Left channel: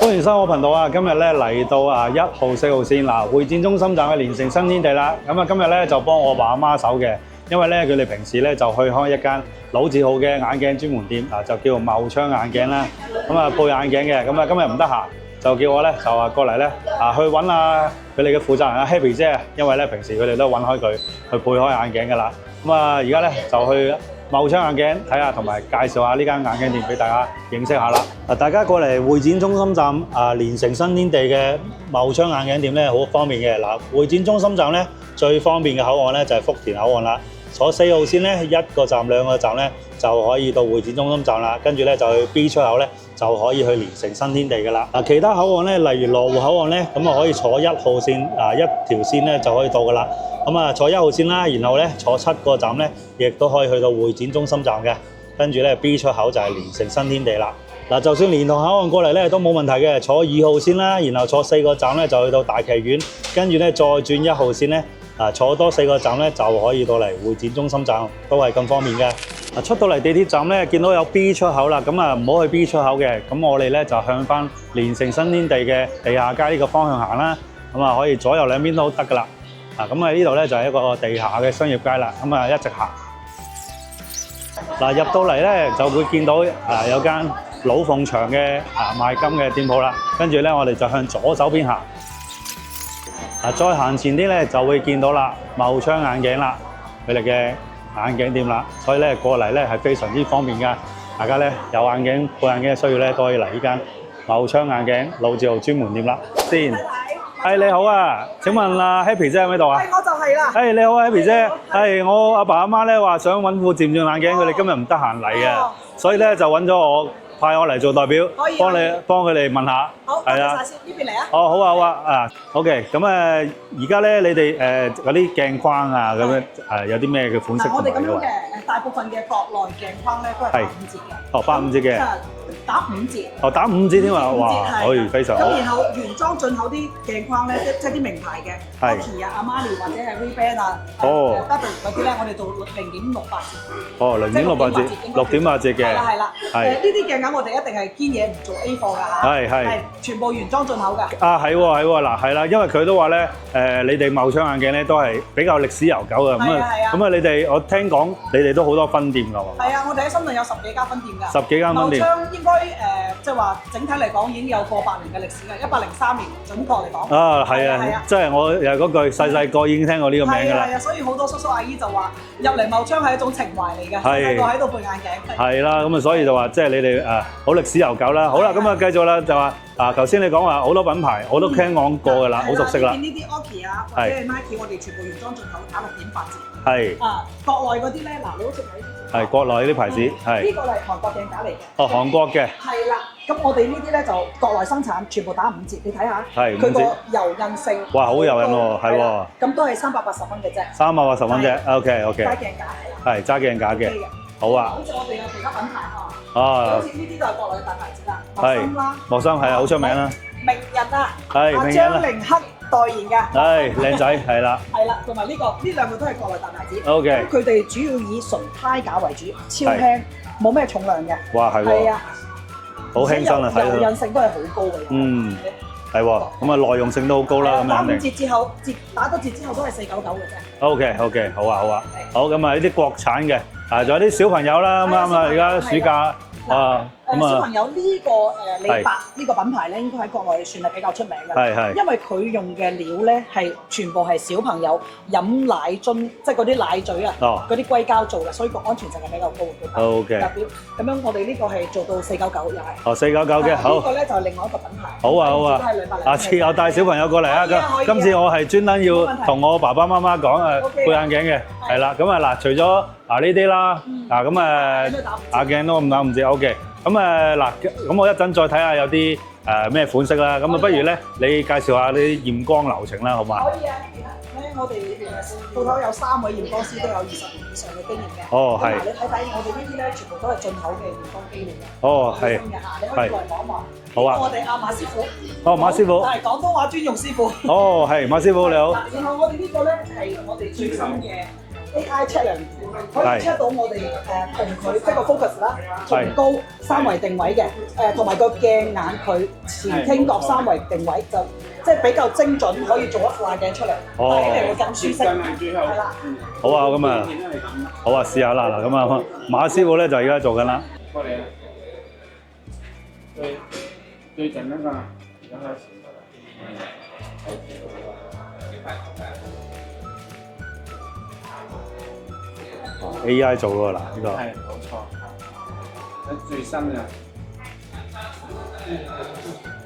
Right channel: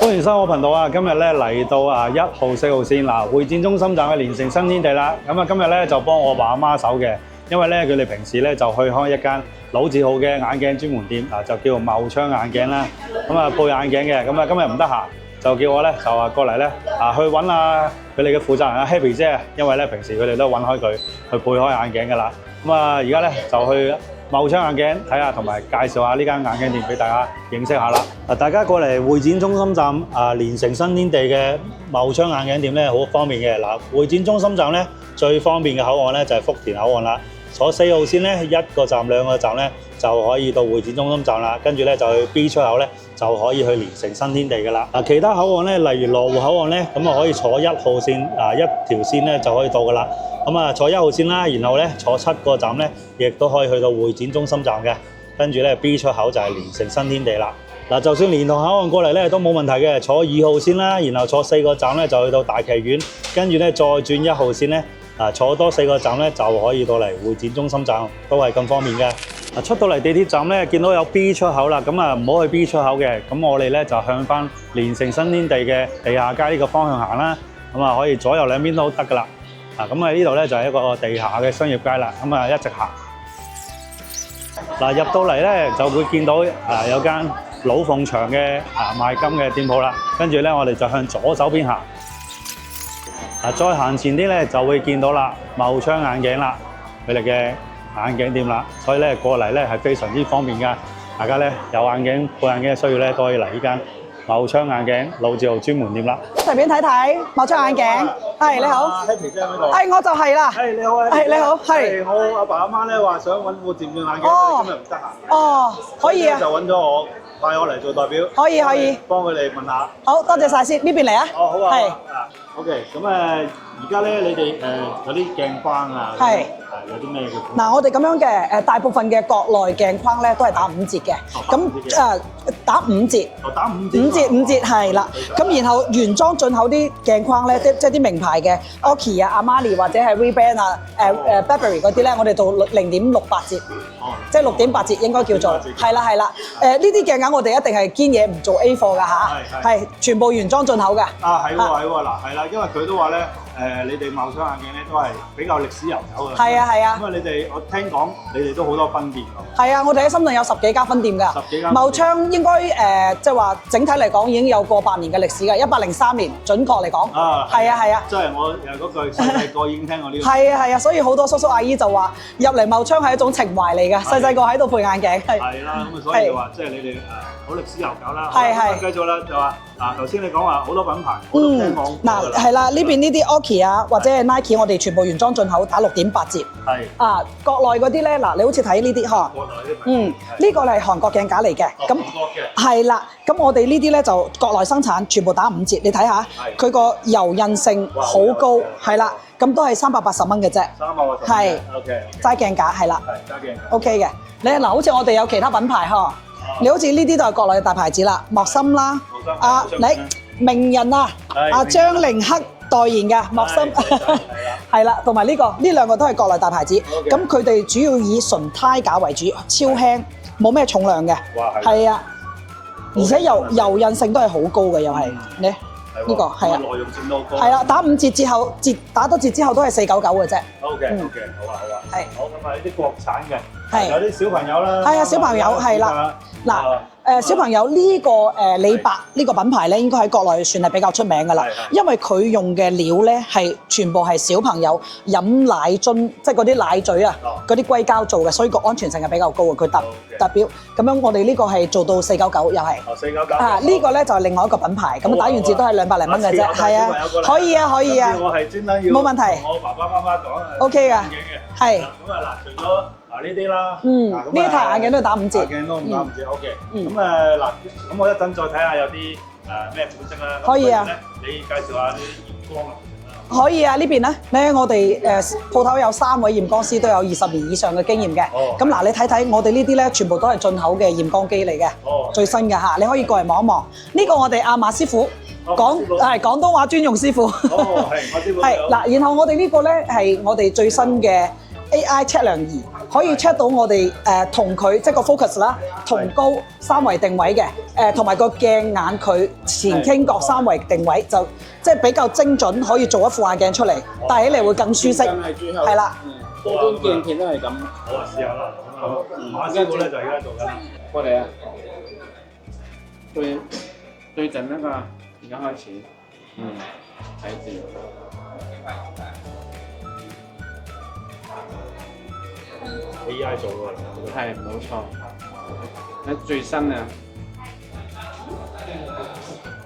歡迎收我頻道啊！今日咧嚟到1號4號線嗱會展中心站嘅連城新天地啦。咁啊今日咧就幫我爸阿媽手嘅，因為咧佢哋平時咧就去開一間老字號嘅眼鏡專門店啊，就叫做茂昌眼鏡啦。咁啊配眼鏡嘅，咁啊今日唔得閒，就叫我咧就話過嚟咧去揾下佢哋嘅負責人Happy 姐，因為咧平時佢哋都揾開佢去配開眼鏡噶啦。咁啊而家咧就去茂昌眼鏡睇下，同埋介紹下呢間眼鏡店俾大家認識下啦。大家過嚟會展中心站連城新天地嘅茂昌眼鏡店咧，好方便嘅。嗱，會展中心站咧最方便嘅口岸咧就係福田口岸啦。坐4號線咧1個站2個站咧就可以到會展中心站啦，跟住咧就去 B 出口咧就可以去連城新天地噶啦。其他口岸咧，例如羅湖口岸咧，咁啊可以坐1號線一條線咧就可以到噶啦。咁啊坐1號線啦，然後咧坐7個站咧，亦都可以去到會展中心站嘅。跟住咧 B 出口就係連城新天地啦。嗱，就算連同口岸過嚟咧都冇問題嘅，坐2號線啦，然後坐4個站咧就去到大劇院，跟住咧再轉1號線咧。坐多4個站咧就可以到嚟會展中心站，都係咁方便嘅。出到嚟地鐵站咧，見到有 B 出口啦，咁啊唔好去 B 出口嘅，咁我哋咧就向翻連城新天地嘅地下街呢個方向行啦。咁啊可以左右兩邊都得噶啦。咁啊呢度咧就係一個地下嘅商業街啦。咁啊一直行。入到嚟咧就會見到有間老鳳祥嘅賣金嘅店鋪啦。跟住咧我哋就向左手邊行。再行前啲咧就會見到啦，茂昌眼鏡啦，佢哋嘅眼鏡店啦，所以咧過嚟咧係非常之方便㗎。大家咧有眼鏡配眼鏡嘅需要咧，都可以嚟呢間茂昌眼鏡老字號專門店啦。順便睇睇茂昌眼鏡。你好啊，請問阿 Happy 姐喺邊度啊？我就係啦。你好 Happy 姐。係我阿爸阿媽咧話想揾副漸進眼鏡，佢哋今日唔得閒嚟啊，所以咧就揾咗我。派我嚟做代表，可以幫佢哋問下。好，多謝晒先，呢邊嚟啊。好啊，OK，咁而家咧你哋嗰啲鏡框啊，咁樣有啲咩嘅款式？嗱，我哋咁樣嘅大部分嘅國內鏡框咧都係打5折嘅。打5折嘅。打5折。打5折。5折係啦。咁然後原裝進口啲鏡框咧，即係啲名牌嘅 Oakley 啊、Armani 或者係 Ray-Ban 啊、Burberry 嗰啲咧，我哋做0.68折。即係6.8折應該叫做。係啦。呢啲鏡架我哋一定係堅嘢，唔做 A 貨㗎嚇。係全部原裝進口㗎。係喎，嗱係啦，因為佢都話咧你哋茂昌眼鏡咧都係比較歷史悠久嘅。係啊。咁你哋我聽講你哋都好多分店㗎喎。係啊，我哋喺深圳有10幾間分店㗎。10幾間分店。茂昌應該即係話整體嚟講已經有過百年嘅歷史㗎，103年準確嚟講。係啊。即係我又嗰句細個已經聽過呢個名。係啊，所以好多叔叔阿姨就話入嚟茂昌係一種情懷嚟㗎，細個喺度配眼鏡。係啦，咁所以就話即係你哋好歷史悠久啦。好啦，咁繼續啦，就話頭先你講話好多品牌，我都聽講過㗎啦。係啦，呢邊呢啲 Oakley 啊，或者係 Nike， 我哋全部原裝進口，打6.8折。係。國內嗰啲咧，嗱，你好似睇呢啲嗬。係國內呢啲牌子。呢個係韓國鏡架嚟嘅。韓國嘅。係啦，咁我哋呢啲咧就國內生產，全部打5折。你睇下，佢個柔韌性好高，係啦，咁都係380蚊嘅啫。380蚊嘅。OK。揸鏡架係啦。係揸鏡架嘅。OK 嘅。你嗱，好似我哋有其他品牌嗬，你好似呢啲都係國內嘅大牌子啦，莫森啦，莫森係好出名啦，名人啊，阿張凌克代言嘅莫森，靚仔係啦，係啦，同埋呢兩個都係國內大牌子，咁佢哋主要以純胎架為主，超輕，冇咩重量嘅，哇係，係啊，而且柔韌性都係好高嘅，又係，你係喎，咁啊耐用性都好高啦，係啦，打5折之後，打多折之後都係499嘅啫。OK，好啊，好咁啊呢啲國產嘅。仲有啲小朋友啦，係啊，小朋友係啦。嗱，小朋友呢個李白呢個品牌咧，應該喺國內算係比較出名㗎啦。因為佢用嘅料咧係全部係小朋友飲奶樽，即係嗰啲奶嘴啊，嗰啲硅膠做嘅，所以個安全性係比較高嘅。佢特別咁樣，我哋呢個係做到499又係。499嘅。呢個咧就係另外一個品牌，咁打完折都係200零蚊嘅啫。下次我帶小朋友過嚟。可以啊。今次我係專登要同我爸爸媽媽講配眼鏡嘅。係啦，咁啊嗱，除咗呢啲啦，咁呢排眼鏡都打5折。眼鏡都咁打5折，OK。咁嗱，咁我一陣再睇下有啲咩款式啦。咁不如咧，你介紹下啲驗光流程啦，好唔好？可以啊，呢邊咧我哋鋪頭有3位驗光師，都有20年以上嘅經驗嘅。咁嗱，你睇睇我哋呢啲咧，全部都係進口嘅驗光機嚟嘅，最新嘅嚇，你可以過嚟望一望。呢個我哋阿馬師傅，馬師傅係廣東話專用師傅。係馬師傅你好。嗱，然後我哋呢個咧係我哋最新嘅AI 測量儀。可以 check 到我哋同佢即係個 focus 啦，同高三維定位嘅，同埋個鏡眼佢前傾角三維定位就即係比較精準，可以做一副眼鏡出嚟，戴起嚟會更舒適，係啦。好啊，咁啊，都係咁。好啊，試下啦嗱，咁啊，馬師傅咧就而家做緊啦。過嚟啊！對準那個，而家開始。睇住。AI 做喎嗱，呢個。係冇錯。喺最新啊。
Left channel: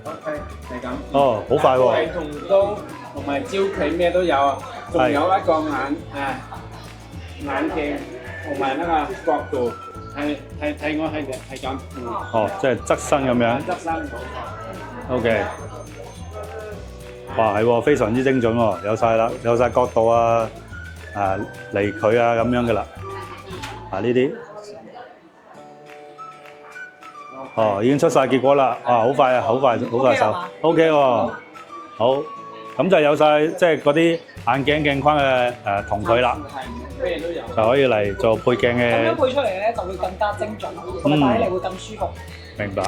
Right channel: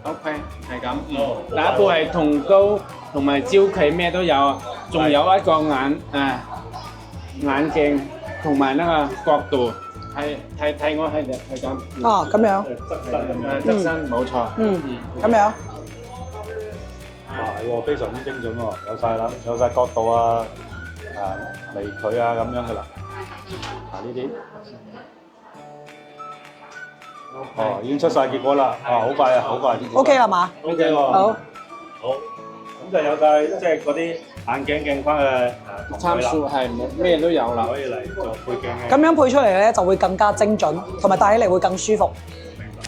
OK，係咁。哦，好快喎。都係同高同埋焦距咩都有，仲有一個眼鏡同埋那個角度，睇我係咁。哦，咁樣。即係側身咁樣。側身冇錯。咁樣。哇，係喎，非常之精準喎，有晒啦，有晒角度啊，離距啊咁樣嘅啦。呢啲。哦，已經出晒結果啦！好快啊，好快。OK 係嘛 ？OK 喎。好。好。咁就有晒即係嗰啲眼鏡鏡框嘅同佢啦。係咩都有。就可以嚟做配鏡嘅。咁樣配出嚟咧就會更加精準，同埋戴起嚟會更舒服。明白。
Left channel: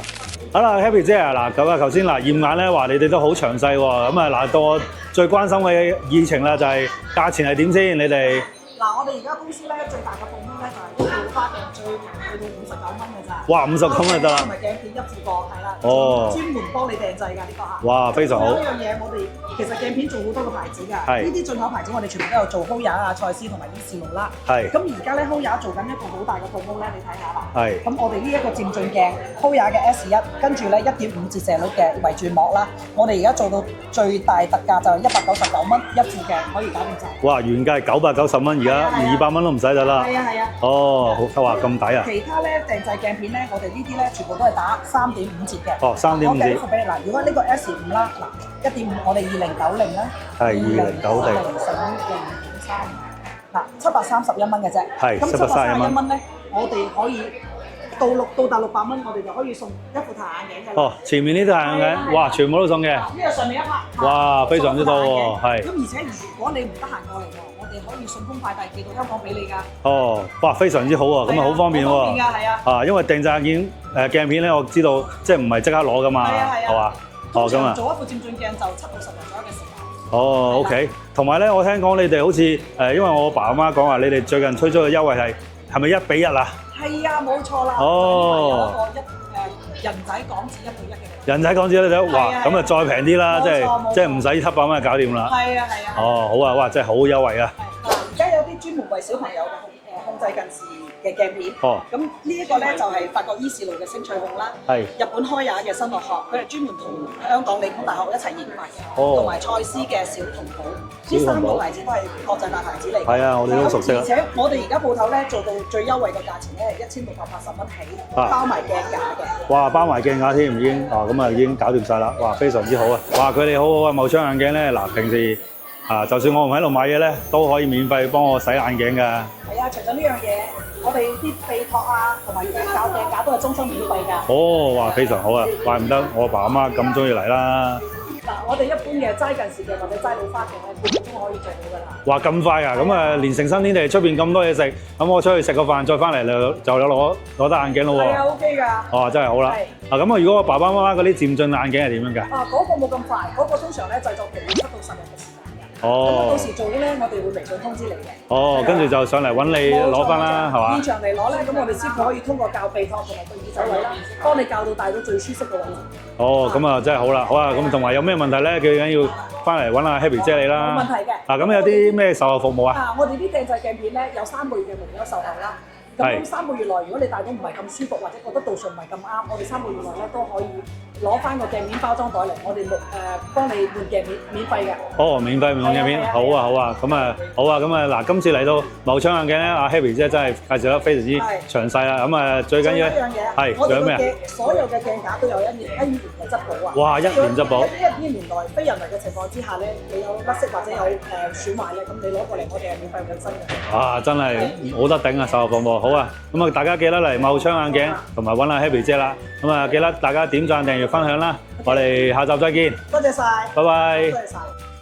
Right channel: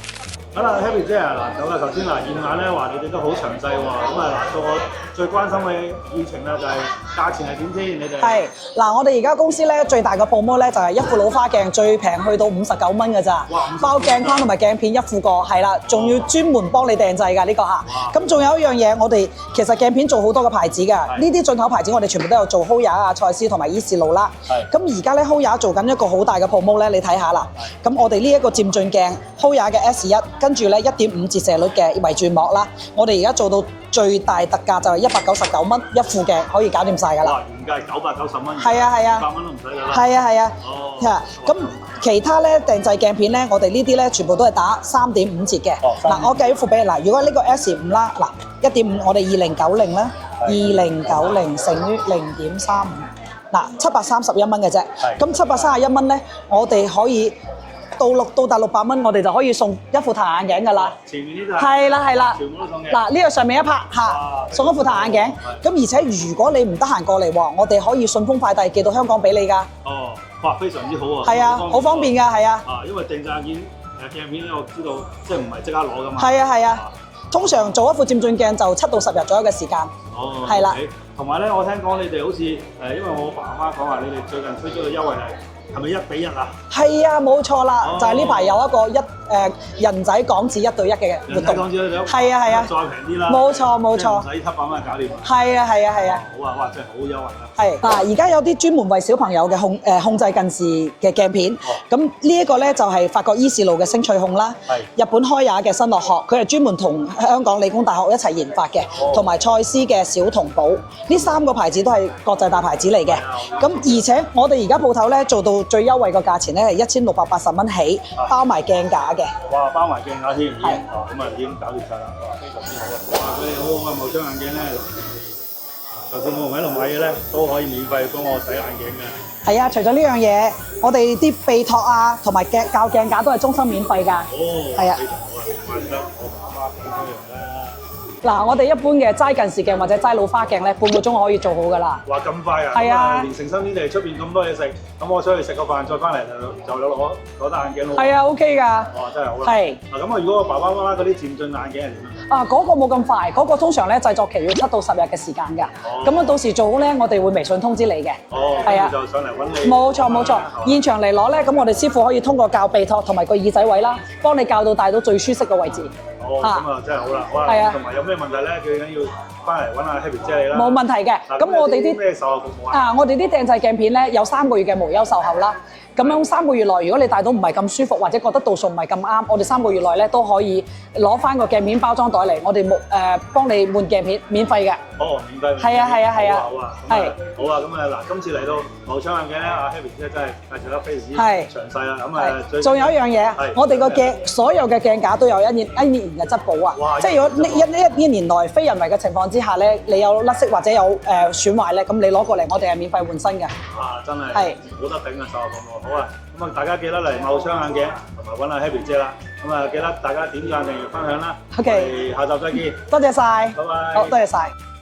好啦 ，Happy 姐啊，嗱咁啊，頭先嗱驗眼咧話你哋都好詳細喎，咁啊嗱到我最關心嘅議程啦，就係價錢係點先？你哋係嗱，我哋而家公司咧最大嘅 promo 咧就係一副老花鏡最平去到59蚊㗎咋。哇，59蚊包鏡框同埋鏡片一副過，係啦，仲要專門幫你訂製㗎呢個嚇。哇！咁仲有一樣嘢，我哋其實鏡片做好多個牌子㗎，呢啲進口牌子我哋全部都有做 Hoya 啊、蔡司同埋依視路啦。係。咁而家咧 Hoya 做緊一個好大嘅 promo 咧，你睇下啦。係。咁我哋呢一個漸進鏡 Hoya 嘅 S1，跟住咧1.5折射率嘅圍轉膜啦，我哋而家做到最大特價就係199蚊一副嘅，可以搞掂晒㗎啦。哇！原價係990蚊，而家200蚊都唔使咗啦。係啊係啊。哦，咁抵啊！其他咧訂製鏡片咧，我哋呢啲咧全部都係打3.5折嘅。哦，3.5折。我計一副俾你嗱，如果呢個 S5啦，嗱1.5我哋2090啦，2090乘於0.35，嗱731蚊嘅啫。係。咁731蚊咧，我哋可以。到達600蚊，我哋就可以送一副太陽眼鏡㗎啦。前面呢對眼鏡，哇，全部都送嘅。嗱，呢個上面一 part 嚇，送一副太陽眼鏡。咁而且如果你唔得閒過嚟喎，我哋可以順豐快遞寄到香港俾你㗎。哦，哇，非常之好喎，咁啊好方便喎。好方便㗎，係啊。因為訂製眼鏡鏡片咧，我知道即係唔係即刻攞㗎嘛。係啊係啊。通常做一副漸進鏡就7到10日左右嘅時間。哦，OK。同埋咧，我聽講你哋好似因為我爸阿媽講話，你哋最近推出嘅優惠係咪1比1啊？係啊，冇錯啦，就係呢排有一個人仔港紙1對1嘅。人仔港紙1對1，咁啊再平啲啦，冇錯冇錯，即係唔使700蚊就搞掂啦。係啊係啊係啊。哦，好啊，哇，真係好優惠啊！係嗱，而家有啲專門為小朋友嘅控制近視嘅鏡片。哦。咁呢一個咧就係法國依視路嘅星翠控啦。係。日本開雅嘅新樂學，佢係專門同香港理工大學一齊研發嘅，同埋蔡司嘅小童寶，呢3個牌子都係國際大牌子嚟嘅。係啊，我哋都熟悉。咁而且我哋而家鋪頭咧做到最優惠個價錢咧係1680蚊起，包埋鏡架嘅。哇！包埋鏡架添，已經咁啊已經搞掂晒啦！哇，非常之好啊！哇，佢哋好好啊！茂昌眼鏡咧，嗱，平時就算我唔喺度買嘢咧，都可以免費幫我洗眼鏡㗎。係啊，除咗呢樣嘢，我哋啲鼻托啊，同埋教鏡架都係終身免費㗎。哦，係啊，非常好啊！怪唔得我爸阿媽咁中意嚟啦。嗱，我哋一般嘅齋近視鏡或者齋老花鏡咧，半個鐘可以做好噶啦。哇，咁快啊！咁啊，連城新天地出邊咁多嘢食，咁我出去食個飯再翻嚟就有攞得眼鏡咯喎。係啊 ，OK 㗎。哦，真係好啦。係。咁啊，如果我爸爸媽媽嗰啲漸進眼鏡係點樣㗎？嗰個冇咁快，嗰個通常咧製作期要7到10日嘅時間㗎。哦。咁啊，到時做好咧，我哋會微信通知你嘅。哦，跟住就上嚟揾你攞翻啦，係嘛？現場嚟攞咧，咁我哋師傅可以通過校鼻托同埋個耳仔位啦，幫你校到戴到最舒適嘅位置。哦，咁啊真係好啦，好啊，咁同埋有咩問題咧？最緊要翻嚟揾阿 Happy 姐你啦。冇問題嘅。咁有啲咩售後服務啊？我哋啲訂製鏡片咧有3個月嘅無憂售後啦。咁樣3個月內，如果你戴到唔係咁舒服，或者覺得度數唔係咁啱，我哋3個月內咧都可以攞翻個鏡片包裝袋嚟，我哋幫你換鏡片，免費嘅。哦，免費換鏡片，好啊好啊，咁啊好啊，咁啊嗱，今次嚟到茂昌眼鏡咧，阿 Happy 姐真係介紹得非常之詳細啦。咁啊最緊要仲有一樣嘢，我哋個鏡所有嘅鏡架都有一年嘅質保啊。哇！即係如果一年內非人為嘅情況之下咧，你有甩色或者有損壞咧，咁你攞過嚟，我哋係免費換新嘅。啊，真係冇得頂啊！售後服務。好啊，咁啊大家記得嚟茂昌眼鏡同埋揾阿 Happy 姐啦，咁啊記得大家點讚、訂閱、分享啦，我哋下集再見，多謝晒，拜拜，好，多謝晒。